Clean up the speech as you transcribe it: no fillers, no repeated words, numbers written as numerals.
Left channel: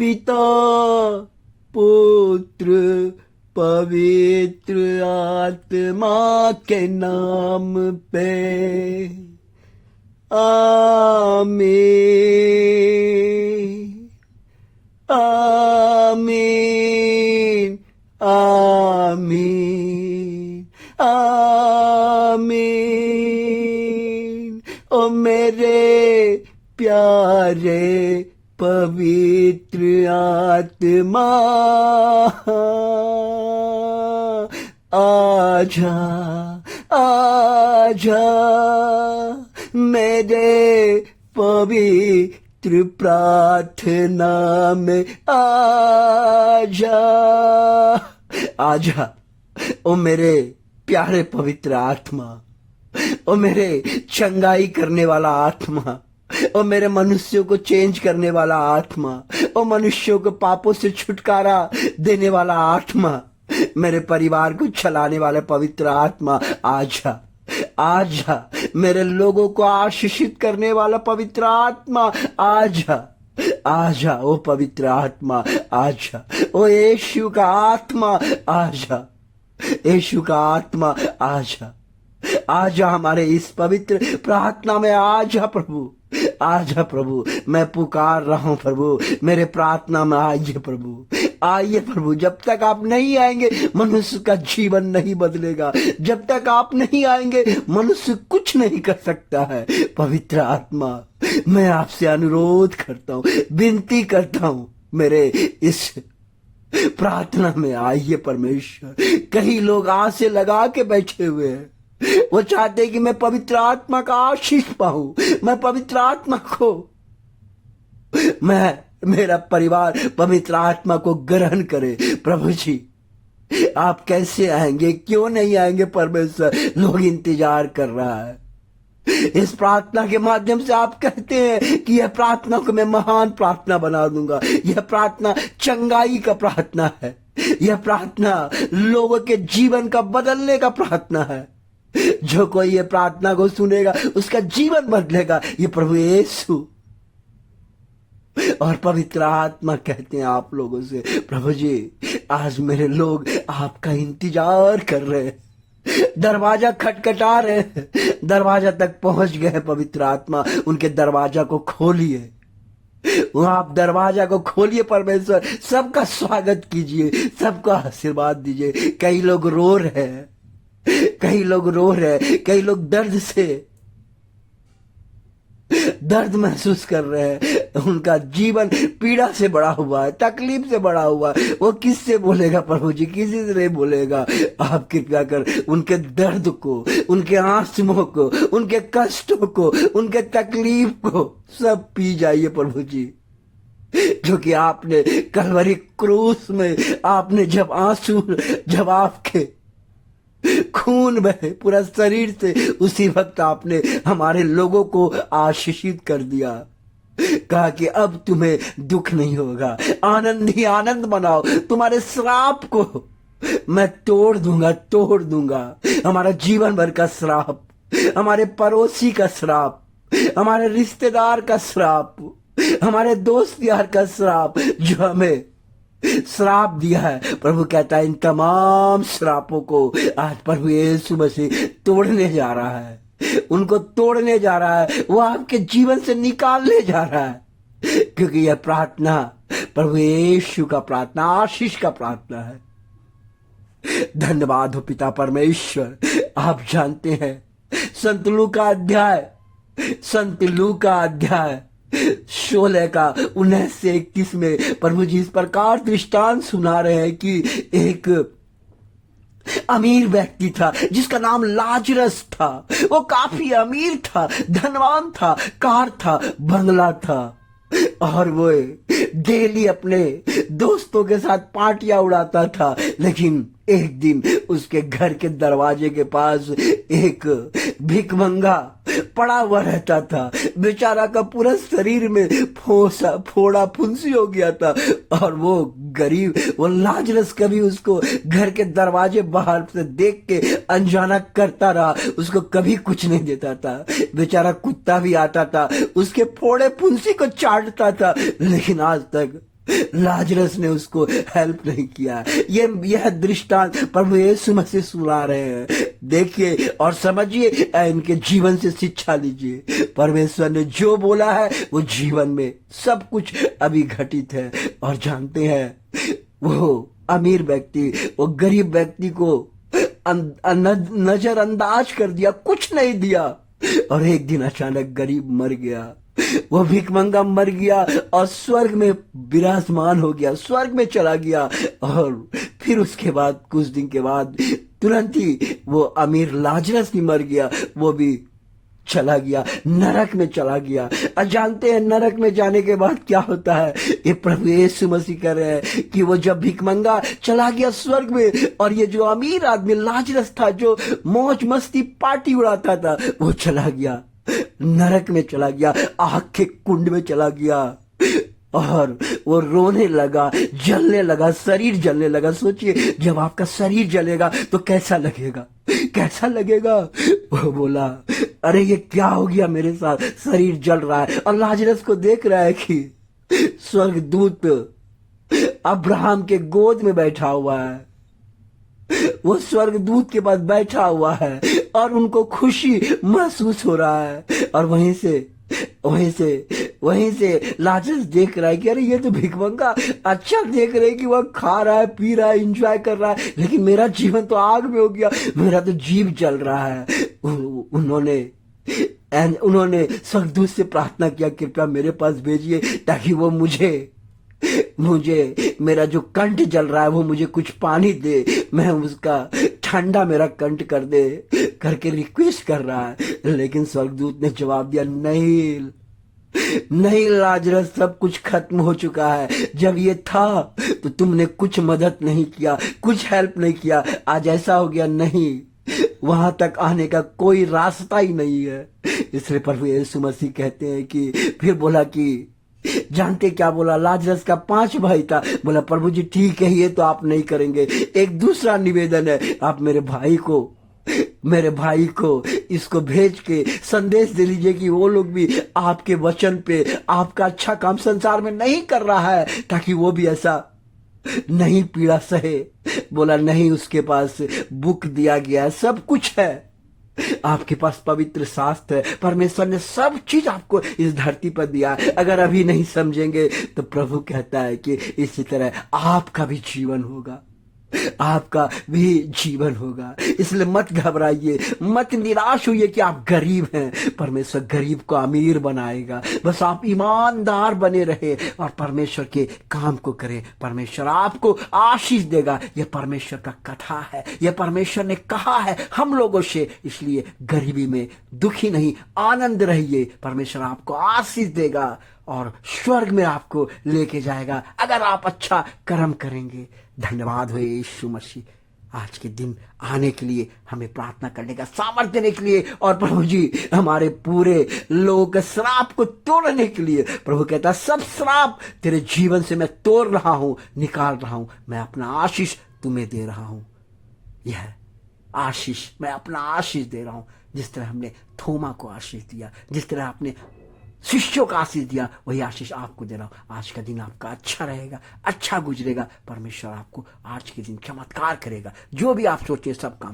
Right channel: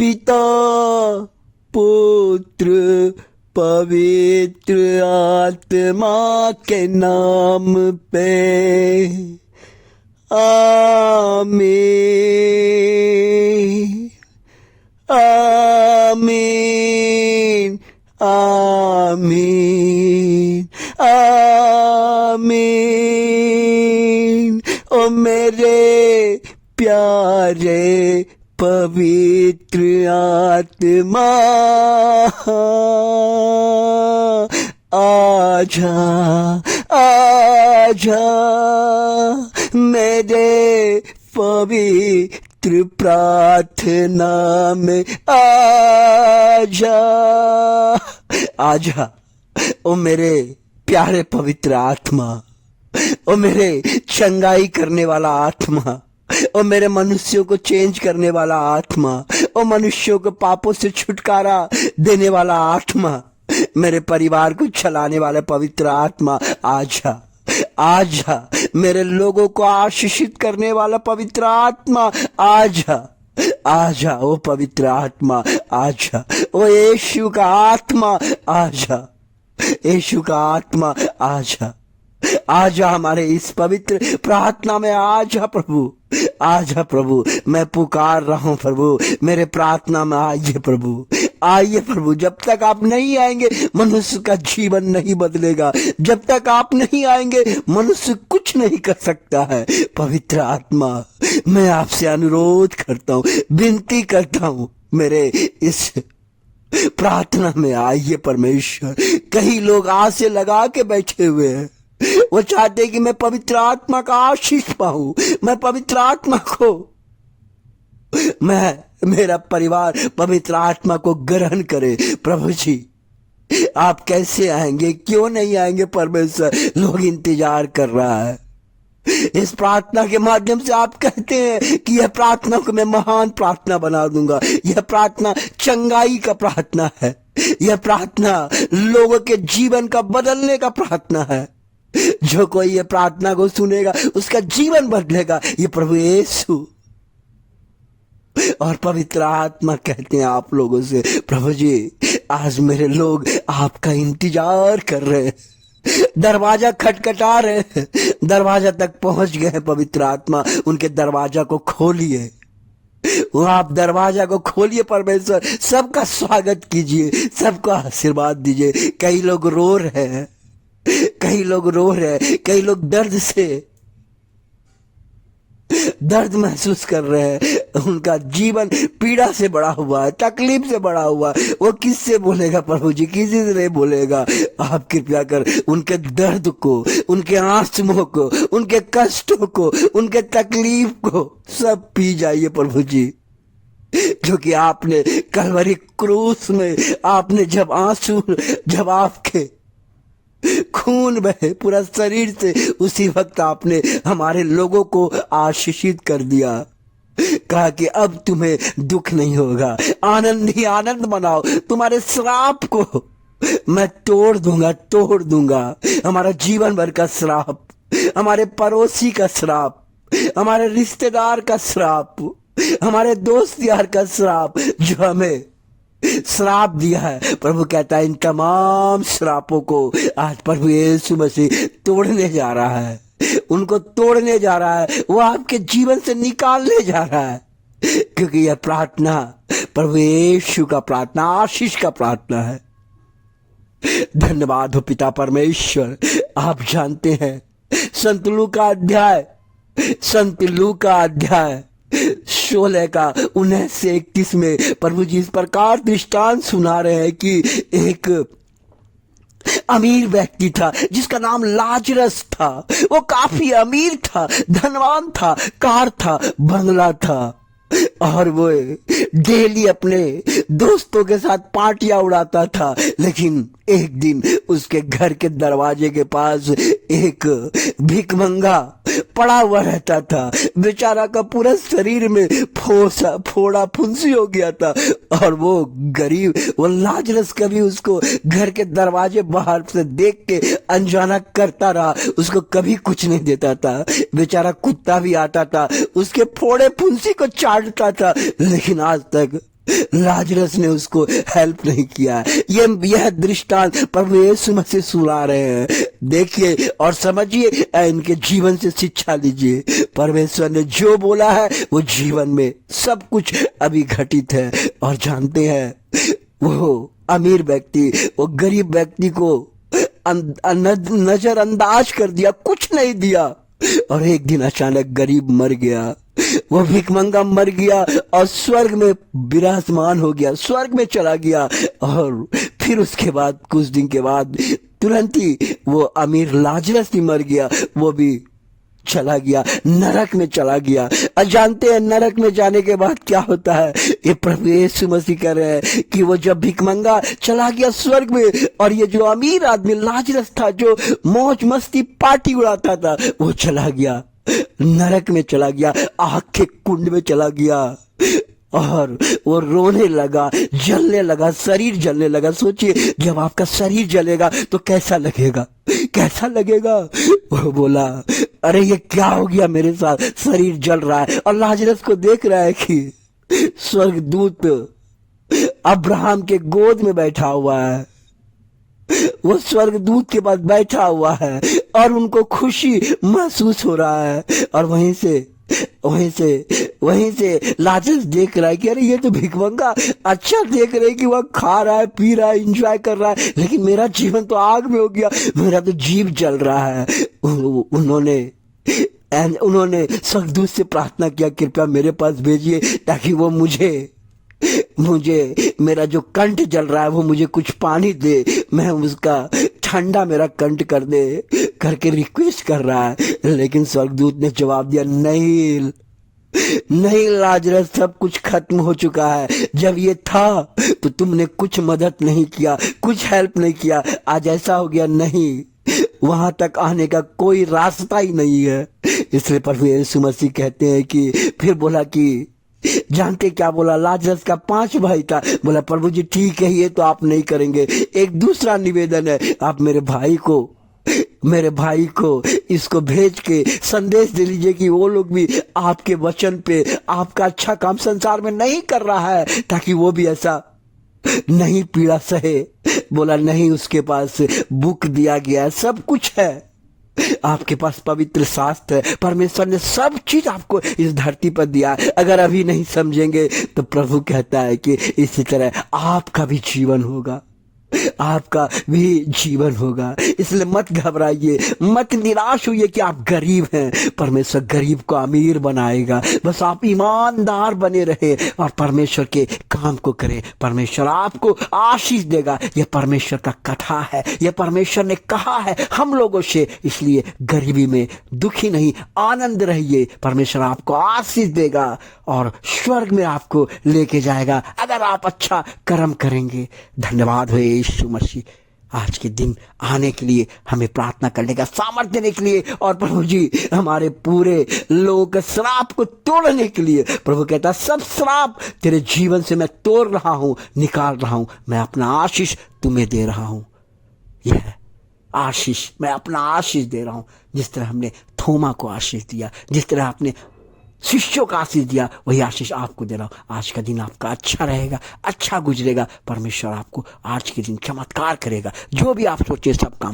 पिता पुत्र पवित्र आत्मा के नाम पे आमीन आमीन आमीन आमीन। ओ मेरे प्यारे पवित्र आत्मा आजा आजा मेरे पवित्र प्रार्थना में आजा आजा। ओ मेरे प्यारे पवित्र आत्मा, ओ मेरे चंगाई करने वाला आत्मा, ओ मेरे मनुष्यों को चेंज करने वाला आत्मा, ओ मनुष्यों को पापों से छुटकारा देने वाला आत्मा, मेरे परिवार को चलाने वाला पवित्र आत्मा आजा आजा। मेरे लोगों को आशीषित करने वाला पवित्र आत्मा आजा आजा। ओ पवित्र आत्मा आजा। ओ यीशु का आत्मा आजा, यीशु का आत्मा आजा आजा हमारे इस पवित्र प्रार्थना में आजा प्रभु, आजा प्रभु। मैं पुकार रहा हूं प्रभु, मेरे प्रार्थना में आइए प्रभु, आइए प्रभु। जब तक आप नहीं आएंगे मनुष्य का जीवन नहीं बदलेगा, जब तक आप नहीं आएंगे मनुष्य कुछ नहीं कर सकता है। पवित्र आत्मा मैं आपसे अनुरोध करता हूं, विनती करता हूं, मेरे इस प्रार्थना में आइए परमेश्वर। कई लोग आसे लगा के बैठे हुए हैं, वो चाहते कि मैं पवित्र आत्मा का आशीष पाऊं, मैं पवित्र आत्मा को, मेरा परिवार पवित्र आत्मा को ग्रहण करे। प्रभु जी आप कैसे आएंगे, क्यों नहीं आएंगे परमेश्वर? लोग इंतजार कर रहा है। इस प्रार्थना के माध्यम से आप कहते हैं कि यह प्रार्थना को मैं महान प्रार्थना बना दूंगा। यह प्रार्थना चंगाई का प्रार्थना है, यह प्रार्थना लोगों के जीवन का बदलने का प्रार्थना है। जो कोई ये प्रार्थना को सुनेगा उसका जीवन बदलेगा। ये प्रभु यीशु और पवित्र आत्मा कहते हैं आप लोगों से, प्रभु जी आज मेरे लोग आपका इंतजार कर रहे हैं, दरवाजा खटखटा रहे हैं, दरवाजा तक पहुंच गए हैं। पवित्र आत्मा उनके दरवाजा को खोलिए, वो आप दरवाजा को खोलिए परमेश्वर। सबका स्वागत कीजिए, सबको आशीर्वाद दीजिए। कई लोग रो रहे हैं, कई लोग रो रहे हैं, कई लोग दर्द महसूस कर रहे हैं। उनका जीवन पीड़ा से बड़ा हुआ है, तकलीफ से बड़ा हुआ है। वो किससे बोलेगा प्रभु जी? किसी से नहीं बोलेगा। आप कृपया कर उनके दर्द को, उनके आंसुओं को, उनके कष्टों को, उनके तकलीफ को सब पी जाइए प्रभु जी। क्योंकि आपने कलवरी क्रूस में आपने जब आपके खून बहे पूरा शरीर से, उसी वक्त आपने हमारे लोगों को आशीषित कर दिया। कहा कि अब तुम्हें दुख नहीं होगा, आनंद ही आनंद मनाओ। तुम्हारे श्राप को मैं तोड़ दूंगा। हमारा जीवन भर का श्राप, हमारे पड़ोसी का श्राप, हमारे रिश्तेदार का श्राप, हमारे दोस्त यार का श्राप जो हमें श्राप दिया है, प्रभु कहता है इन तमाम श्रापों को आज प्रभु यीशु मसीह तोड़ने जा रहा है, उनको तोड़ने जा रहा है। वो आपके जीवन से निकालने जा रहा है। क्योंकि यह प्रार्थना प्रभु यीशु का प्रार्थना, आशीष का प्रार्थना है। धन्यवाद हो पिता परमेश्वर। आप जानते हैं संत लूका अध्याय 16 का 19 से 31 में प्रभु जी इस प्रकार दृष्टांत सुना रहे हैं कि एक अमीर व्यक्ति था जिसका नाम लाजरस था। वो काफी अमीर था, धनवान था, कार था, बंगला था, और वो डेली अपने दोस्तों के साथ पार्टियां उड़ाता था। लेकिन एक दिन उसके घर के दरवाजे के पास एक भिखमंगा पड़ा हुआ रहता था। बेचारा का पूरा शरीर में फोड़ा फुंसी हो गया था, और वो लाजरस कभी उसको घर के दरवाजे बाहर से देख के अनजाना करता रहा, उसको कभी कुछ नहीं देता था। बेचारा कुत्ता भी आता था, उसके फोड़े फुंसी को चाटता था, लेकिन आज तक लाजरस ने उसको हेल्प नहीं किया। यह दृष्टांत प्रभु यीशु मसीह सुना रहे हैं। देखिए और समझिए, इनके जीवन से शिक्षा लीजिए। परमेश्वर ने जो बोला है वो जीवन में सब कुछ अभी घटित है। और जानते हैं, वो अमीर व्यक्ति वो गरीब व्यक्ति को नजरअंदाज कर दिया, कुछ नहीं दिया। और एक दिन अचानक गरीब मर गया, वो भिखमंगा मर गया और स्वर्ग में विराजमान हो गया, स्वर्ग में चला गया। और फिर उसके बाद कुछ दिन के बाद तुरंत ही वो अमीर लाजरस भी मर गया, वो भी चला गया, नरक में चला गया। और जानते हैं नरक में जाने के बाद क्या होता है? ये प्रभु यीशु मसीह कह रहे हैं कि वो जब भिखमंगा चला गया स्वर्ग में, और ये जो अमीर आदमी लाजरस था, जो मौज मस्ती पार्टी उड़ाता था, वो चला गया, नरक में चला गया, आग के कुंड में चला गया। और वो रोने लगा, जलने लगा, शरीर जलने लगा। सोचिए, जब आपका शरीर जलेगा तो कैसा लगेगा, कैसा लगेगा? वो बोला, अरे ये क्या हो गया मेरे साथ, शरीर जल रहा है। और लाजरस को देख रहा है कि स्वर्गदूत अब्राहम के गोद में बैठा हुआ है, वो स्वर्गदूत के पास बैठा हुआ है और उनको खुशी महसूस हो रहा है। और वहीं से लाजरस देख रहा है कि अरे ये तो भिखमंगा, अच्छा देख रहे कि वह खा रहा है, पी रहा है, एंजॉय कर रहा है, लेकिन मेरा जीवन तो आग में हो गया, मेरा तो जीव जल रहा है। उन्होंने स्वर्गदूत से प्रार्थना किया, कृपया मेरे पास भेजिए ताकि वो मुझे मेरा जो कंठ जल रहा है वो मुझे कुछ पानी दे, मैं उसका ठंडा मेरा कंठ कर दे करके रिक्वेस्ट कर रहा है। लेकिन स्वर्गदूत ने जवाब दिया, नहीं लाजरस, सब कुछ खत्म हो चुका है। जब ये था तो तुमने कुछ मदद नहीं किया, कुछ हेल्प नहीं किया, आज ऐसा हो गया, नहीं, वहां तक आने का कोई रास्ता ही नहीं है। इसलिए प्रभु यीशु मसीह कहते हैं कि फिर बोला कि जानते क्या बोला? लाजरस का 5 भाई था। बोला, प्रभु जी ठीक है, ये तो आप नहीं करेंगे, एक दूसरा निवेदन है, आप मेरे भाई को इसको भेज के संदेश दे लीजिए कि वो लोग भी आपके वचन पे आपका अच्छा काम संसार में नहीं कर रहा है, ताकि वो भी ऐसा नहीं पीड़ा सहे। बोला, नहीं, उसके पास बुक दिया गया है, सब कुछ है, आपके पास पवित्र शास्त्र है, परमेश्वर ने सब चीज आपको इस धरती पर दिया है। अगर अभी नहीं समझेंगे तो प्रभु कहता है कि इसी तरह आपका भी जीवन होगा, आपका भी जीवन होगा। इसलिए मत घबराइए, मत निराश होइए कि आप गरीब हैं, परमेश्वर गरीब को अमीर बनाएगा। बस आप ईमानदार बने रहे और परमेश्वर के काम को करें, परमेश्वर आपको आशीष देगा। यह परमेश्वर का कथा है, यह परमेश्वर ने कहा है हम लोगों से। इसलिए गरीबी में दुखी नहीं, आनंद रहिए, परमेश्वर आपको आशीष देगा और स्वर्ग में आपको लेके जाएगा अगर आप अच्छा कर्म करेंगे। धन्यवाद हो यीशु मसीह, आज के दिन आने के लिए, हमें प्रार्थना करने का सामर्थ्य देने के लिए, और प्रभु जी हमारे पूरे लोक श्राप को तोड़ने के लिए। प्रभु कहता, सब श्राप तेरे जीवन से मैं तोड़ रहा हूं, निकाल रहा हूं, मैं अपना आशीष तुम्हें दे रहा हूं। यह आशीष, मैं अपना आशीष दे रहा हूं। जिस तरह हमने थोमा को आशीष दिया, जिस तरह आपने शिष्यों का आशीष दिया, वही आशीष आपको दे रहा हूं। आज का दिन आपका अच्छा रहेगा, अच्छा गुजरेगा, परमेश्वर आपको आज के दिन चमत्कार करेगा, जो भी आप सोचे सब काम